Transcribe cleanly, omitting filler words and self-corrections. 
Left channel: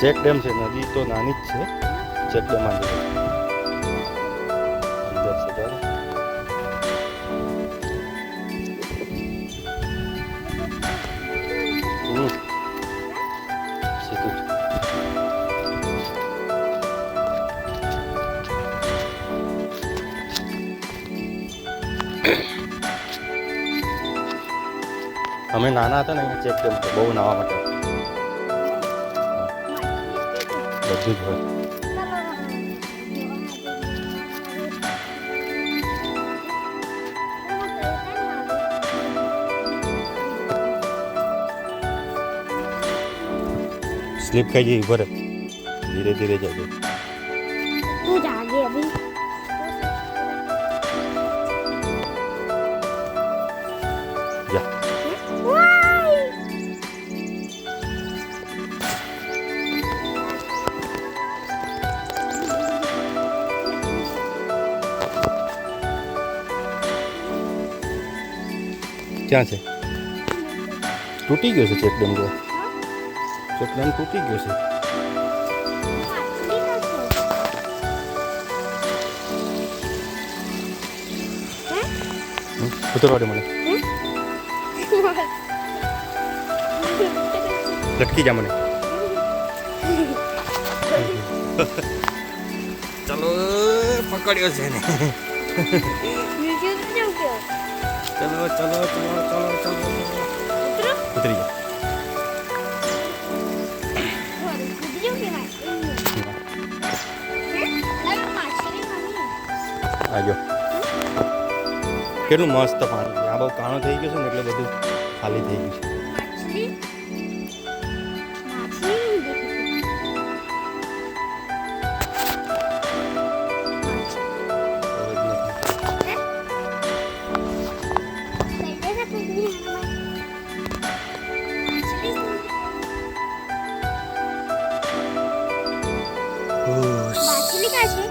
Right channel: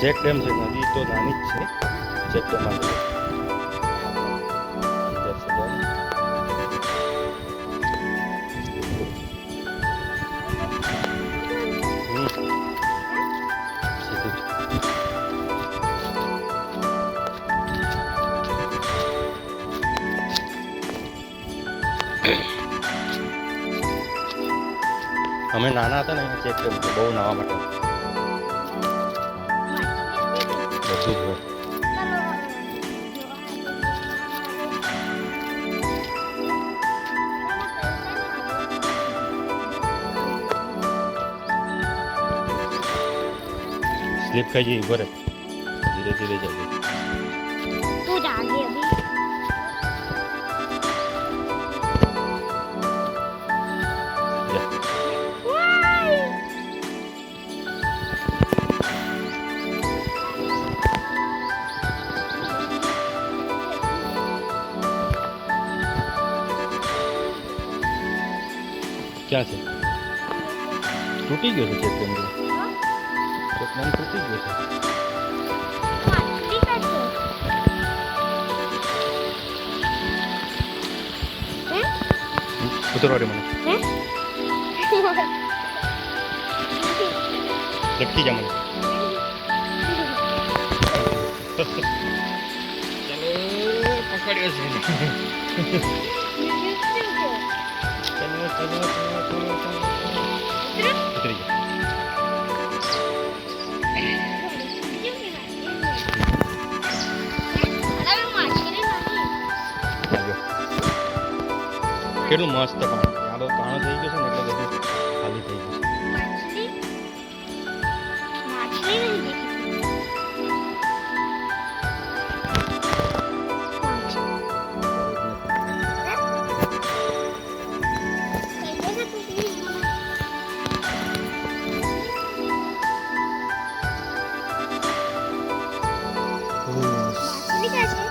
Check dam છે, નદી તો નાની જ છે. ચેક ડેમ અંદર છે જાઓ. સીધું જ. અમે નાના હતા ને અહીંયા ચેક ડેમ તો બહુ નાવા માટે બધું જ હોય. स्लिप खाई जी ऊपर धीरे धीरे जाओ. तू जागे अभी जा. क्या से टूटी गयो છે ચેક ડેમ જો. ચેક ડેમ તૂટી ગયો છે. ઉતરવા દે મને. લટકી જા મને. ચલો પકડ્યો છે ને. ચલો ચલો ચલો ચલો ચલો ઉતરી જા. લાગ્યો કેટલું મસ્ત પાણી છે. આ બહુ કાણો થઈ ગયો છે ને એટલે બધું ખાલી થઈ ગયું છે. માછલી કા છે?